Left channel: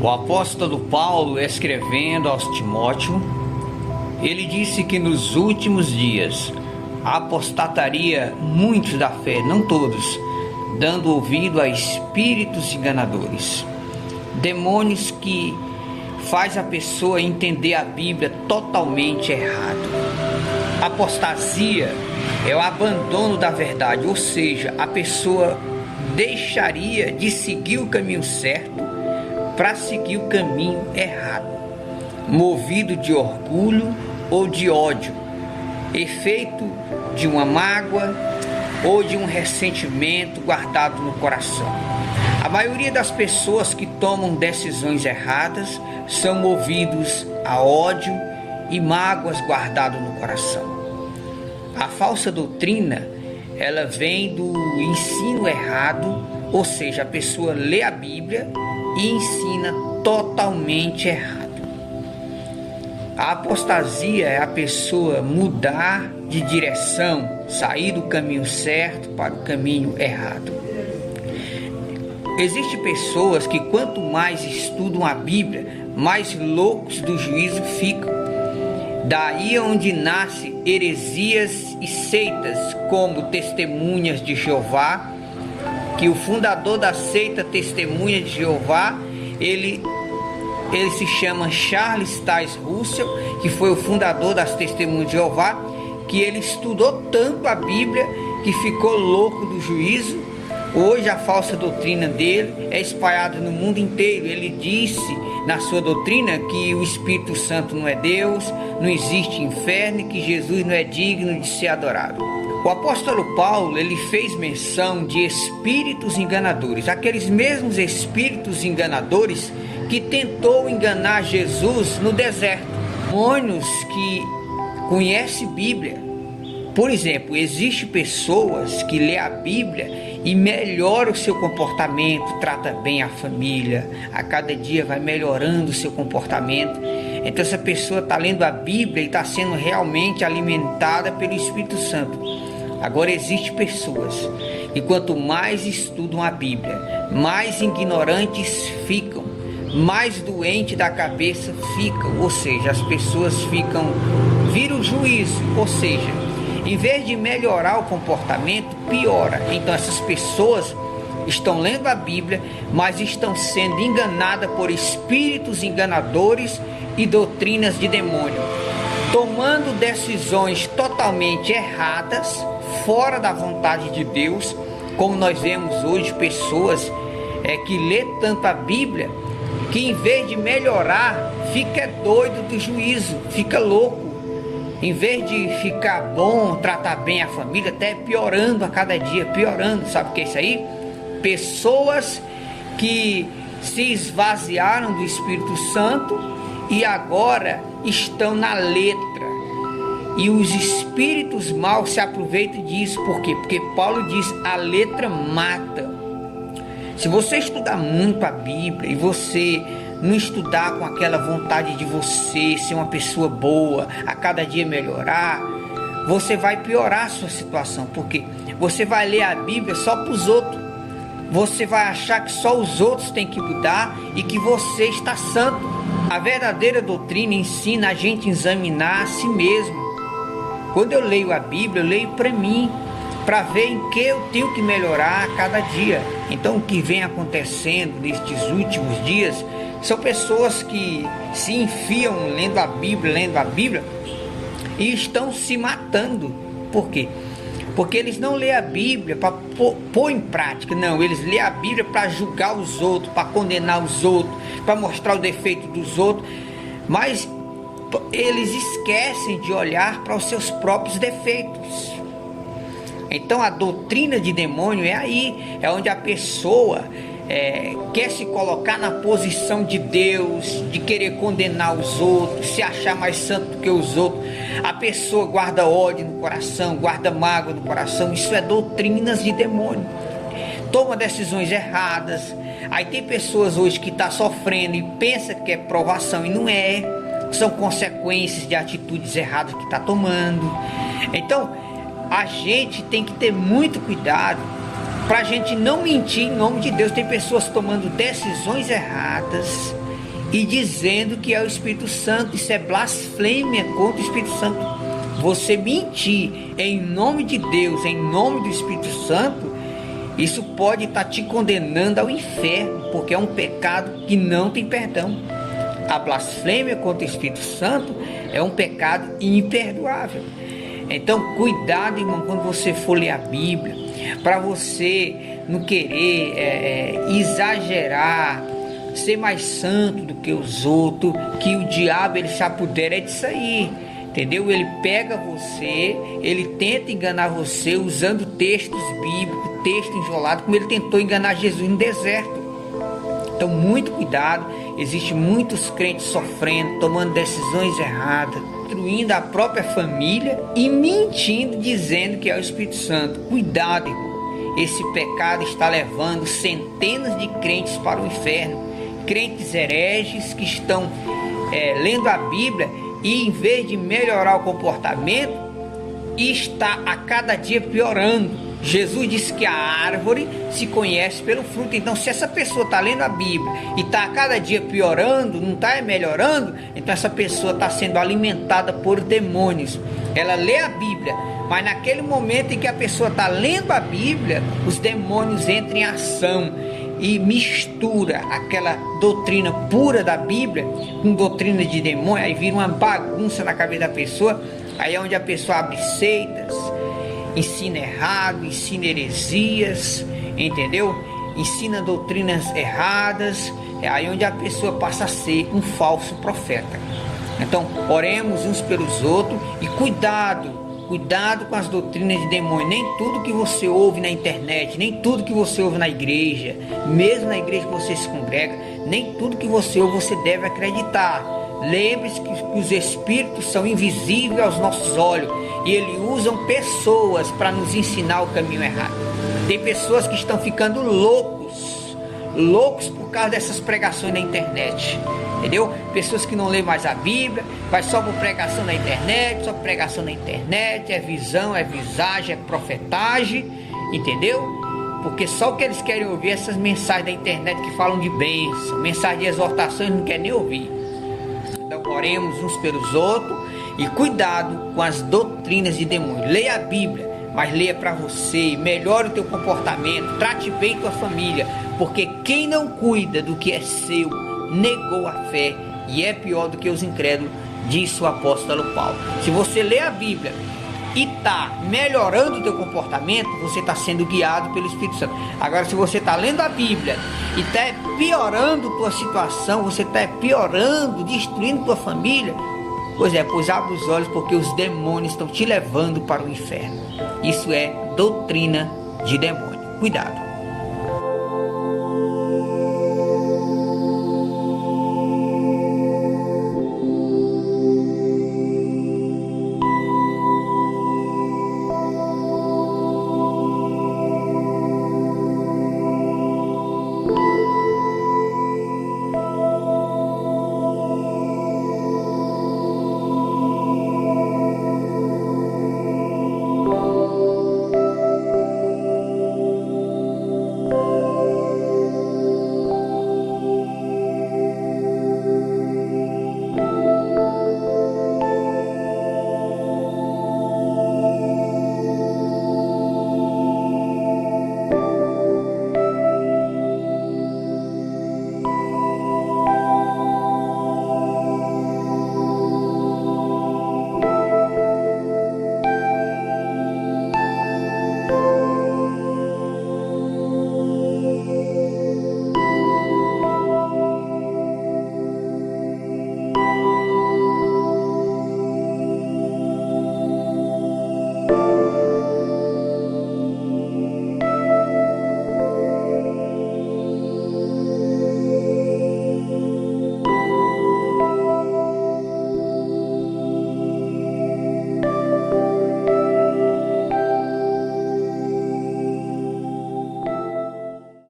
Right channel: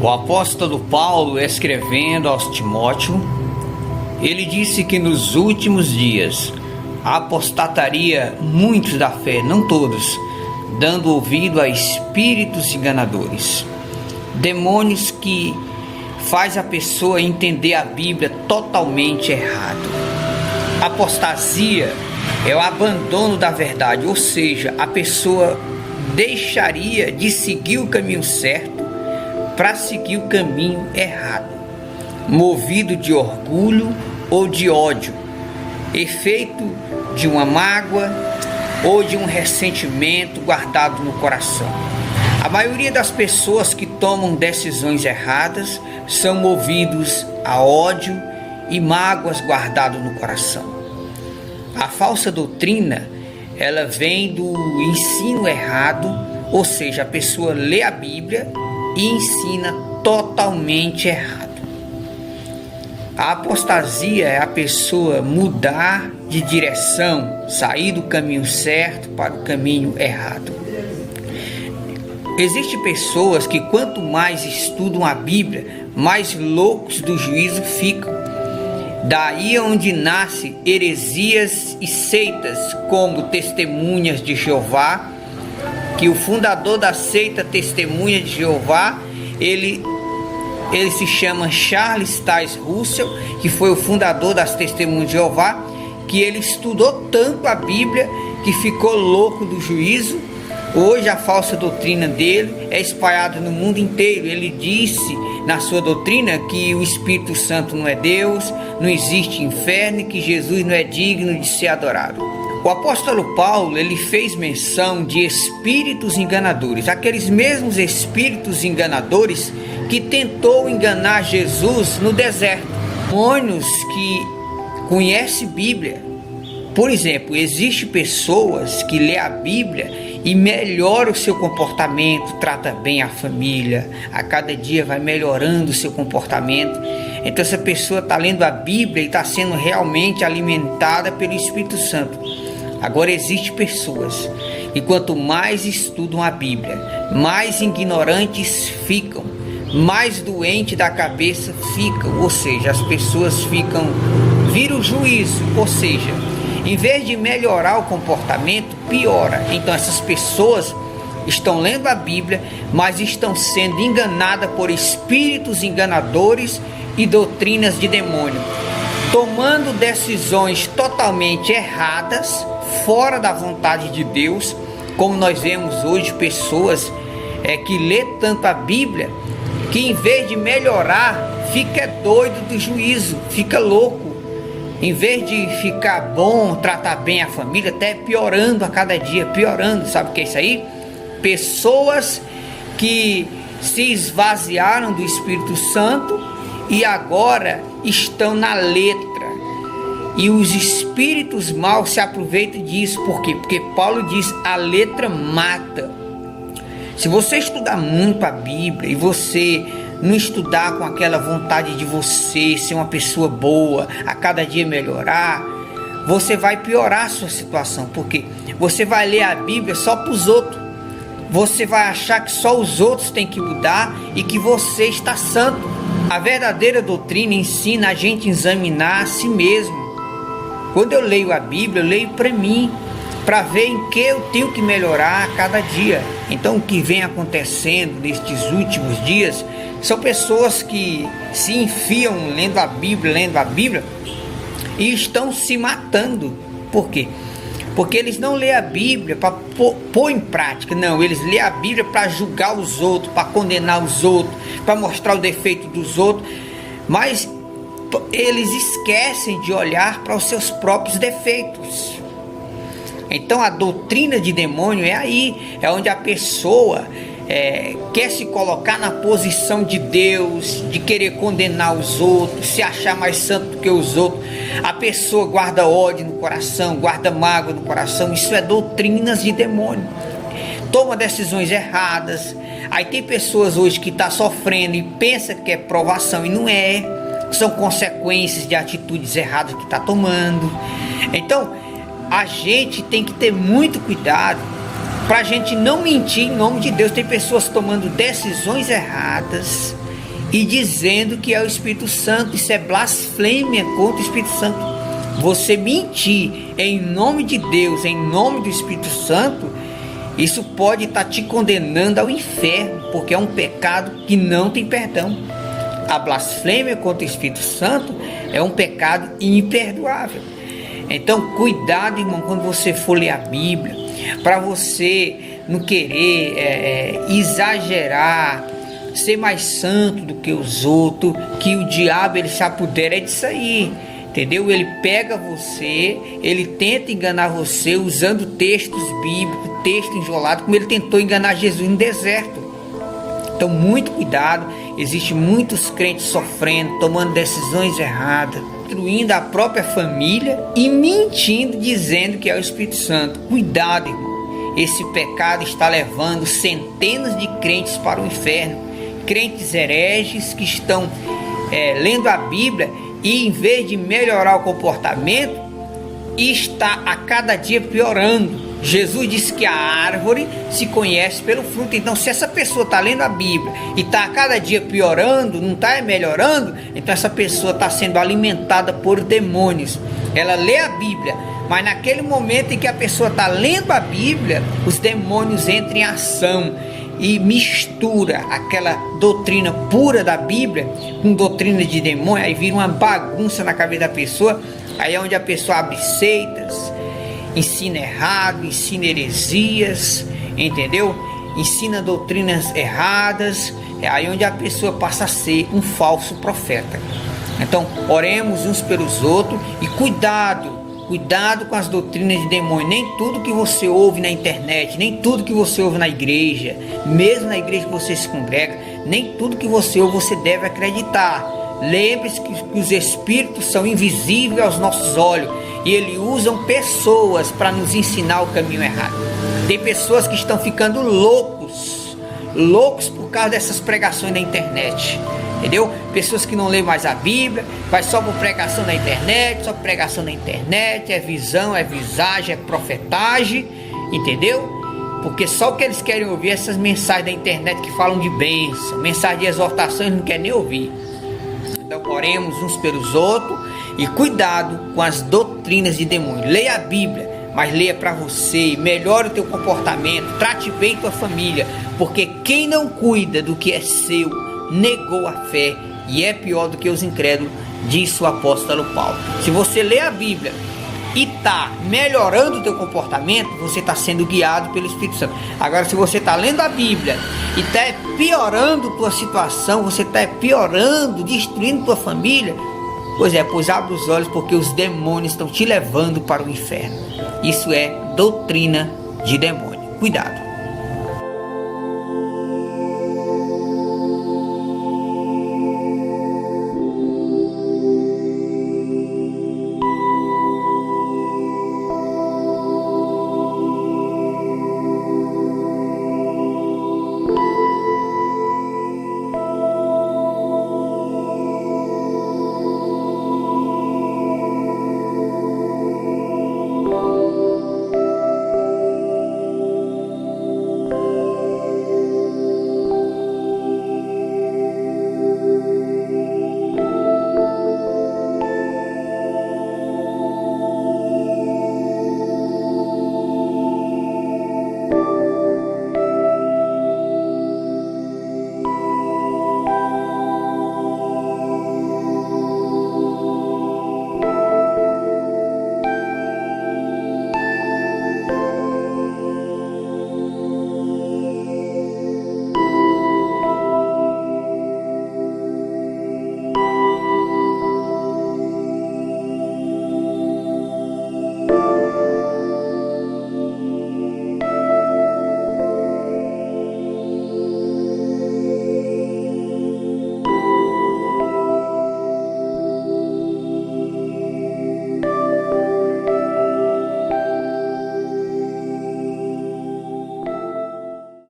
O apóstolo Paulo, escrevendo aos Timóteo, ele disse que nos últimos dias apostataria muitos da fé, não todos, dando ouvido a espíritos enganadores, demônios que faz a pessoa entender a Bíblia totalmente errado. Apostasia é o abandono da verdade, ou seja, a pessoa deixaria de seguir o caminho certo para seguir o caminho errado, movido de orgulho ou de ódio, efeito de uma mágoa ou de um ressentimento guardado no coração. A maioria das pessoas que tomam decisões erradas são movidos a ódio e mágoas guardadas no coração. A falsa doutrina, ela vem do ensino errado, ou seja, a pessoa lê a Bíblia e ensina totalmente errado. A apostasia é a pessoa mudar de direção, sair do caminho certo para o caminho errado. Existem pessoas que quanto mais estudam a Bíblia, mais loucos do juízo ficam. Daí é onde nasce heresias e seitas como Testemunhas de Jeová, que o fundador da seita Testemunha de Jeová, ele se chama Charles Taze Russell, que foi o fundador das Testemunhas de Jeová, que ele estudou tanto a Bíblia que ficou louco do juízo. Hoje a falsa doutrina dele é espalhada no mundo inteiro. Ele disse na sua doutrina que o Espírito Santo não é Deus, não existe inferno e que Jesus não é digno de ser adorado. O apóstolo Paulo, ele fez menção de espíritos enganadores, aqueles mesmos espíritos enganadores que tentou enganar Jesus no deserto. Demônios que conhecem Bíblia. Por exemplo, existem pessoas que lêem a Bíblia e melhoram o seu comportamento, trata bem a família, a cada dia vai melhorando o seu comportamento. Então essa pessoa está lendo a Bíblia e está sendo realmente alimentada pelo Espírito Santo. Agora existem pessoas que quanto mais estudam a Bíblia, mais ignorantes ficam, mais doentes da cabeça ficam, ou seja, as pessoas viram o juízo, ou seja, em vez de melhorar o comportamento, piora. Então essas pessoas estão lendo a Bíblia, mas estão sendo enganadas por espíritos enganadores e doutrinas de demônio, tomando decisões totalmente erradas, fora da vontade de Deus, como nós vemos hoje pessoas que lê tanto a Bíblia, que em vez de melhorar, fica doido do juízo, fica louco. Em vez de ficar bom, tratar bem a família, até piorando a cada dia, piorando. Sabe o que é isso aí? Pessoas que se esvaziaram do Espírito Santo e agora estão na letra. E os espíritos maus se aproveitam disso. Por quê? Porque Paulo diz, a letra mata. Se você estudar muito a Bíblia e você não estudar com aquela vontade de você ser uma pessoa boa, a cada dia melhorar, você vai piorar a sua situação, porque você vai ler a Bíblia só para os outros, você vai achar que só os outros têm que mudar e que você está santo. A verdadeira doutrina ensina a gente a examinar a si mesmo. Quando eu leio a Bíblia, eu leio para mim, para ver em que eu tenho que melhorar a cada dia. Então o que vem acontecendo nestes últimos dias são pessoas que se enfiam lendo a Bíblia e estão se matando. Por quê? Porque eles não lêem a Bíblia para pôr em prática, não, eles lêem a Bíblia para julgar os outros, para condenar os outros, para mostrar o defeito dos outros, mas eles esquecem de olhar para os seus próprios defeitos. Então a doutrina de demônio é aí, é onde a pessoa quer se colocar na posição de Deus, de querer condenar os outros, se achar mais santo do que os outros. A pessoa guarda ódio no coração, guarda mágoa no coração. Isso é doutrinas de demônio. Toma decisões erradas. Aí tem pessoas hoje que estão sofrendo e pensam que é provação e não é. São consequências de atitudes erradas que está tomando. Então a gente tem que ter muito cuidado para a gente não mentir em nome de Deus. Tem pessoas tomando decisões erradas, e dizendo que é o Espírito Santo. Isso é blasfêmia contra o Espírito Santo. Você mentir em nome de Deus, em nome do Espírito Santo, isso pode estar te condenando ao inferno, porque é um pecado que não tem perdão. A blasfêmia contra o Espírito Santo é um pecado imperdoável. Então, cuidado, irmão, quando você for ler a Bíblia, para você não querer exagerar, ser mais santo do que os outros, que o diabo ele se apodera disso aí, entendeu? Ele pega você, ele tenta enganar você usando textos bíblicos, texto isolado, como ele tentou enganar Jesus no deserto. Então, muito cuidado. Existem muitos crentes sofrendo, tomando decisões erradas, destruindo a própria família e mentindo, dizendo que é o Espírito Santo. Cuidado, irmão. Esse pecado está levando centenas de crentes para o inferno. Crentes hereges que estão lendo a Bíblia e, em vez de melhorar o comportamento, está a cada dia piorando. Jesus disse que a árvore se conhece pelo fruto. Então, se essa pessoa está lendo a Bíblia e está a cada dia piorando, não está melhorando, então essa pessoa está sendo alimentada por demônios. Ela lê a Bíblia, mas naquele momento em que a pessoa está lendo a Bíblia, os demônios entram em ação e mistura aquela doutrina pura da Bíblia com doutrina de demônio. Aí vira uma bagunça na cabeça da pessoa. Aí é onde a pessoa abre seitas, ensina errado, ensina heresias, entendeu? Ensina doutrinas erradas. É aí onde a pessoa passa a ser um falso profeta. Então, oremos uns pelos outros e cuidado com as doutrinas de demônio. Nem tudo que você ouve na internet, nem tudo que você ouve na igreja, mesmo na igreja que você se congrega, nem tudo que você ouve você deve acreditar. Lembre-se que os espíritos são invisíveis aos nossos olhos e eles usam pessoas para nos ensinar o caminho errado. Tem pessoas que estão ficando loucos por causa dessas pregações na internet, entendeu? Pessoas que não lêem mais a Bíblia, vai só por pregação na internet, é visão, é visagem, é profetagem, entendeu? Porque só o que eles querem ouvir é essas mensagens da internet que falam de bênção, mensagem de exortação, eles não querem nem ouvir. Então, oremos uns pelos outros e cuidado com as doutrinas de demônio. Leia a Bíblia, mas leia para você, melhore o teu comportamento, trate bem tua família, porque quem não cuida do que é seu, negou a fé e é pior do que os incrédulos, disse o apóstolo Paulo. Se você lê a Bíblia e está melhorando o teu comportamento, você está sendo guiado pelo Espírito Santo. Agora, se você está lendo a Bíblia e está piorando tua situação, você está piorando, destruindo tua família, pois abre os olhos, porque os demônios estão te levando para o inferno. Isso é doutrina de demônio. Cuidado.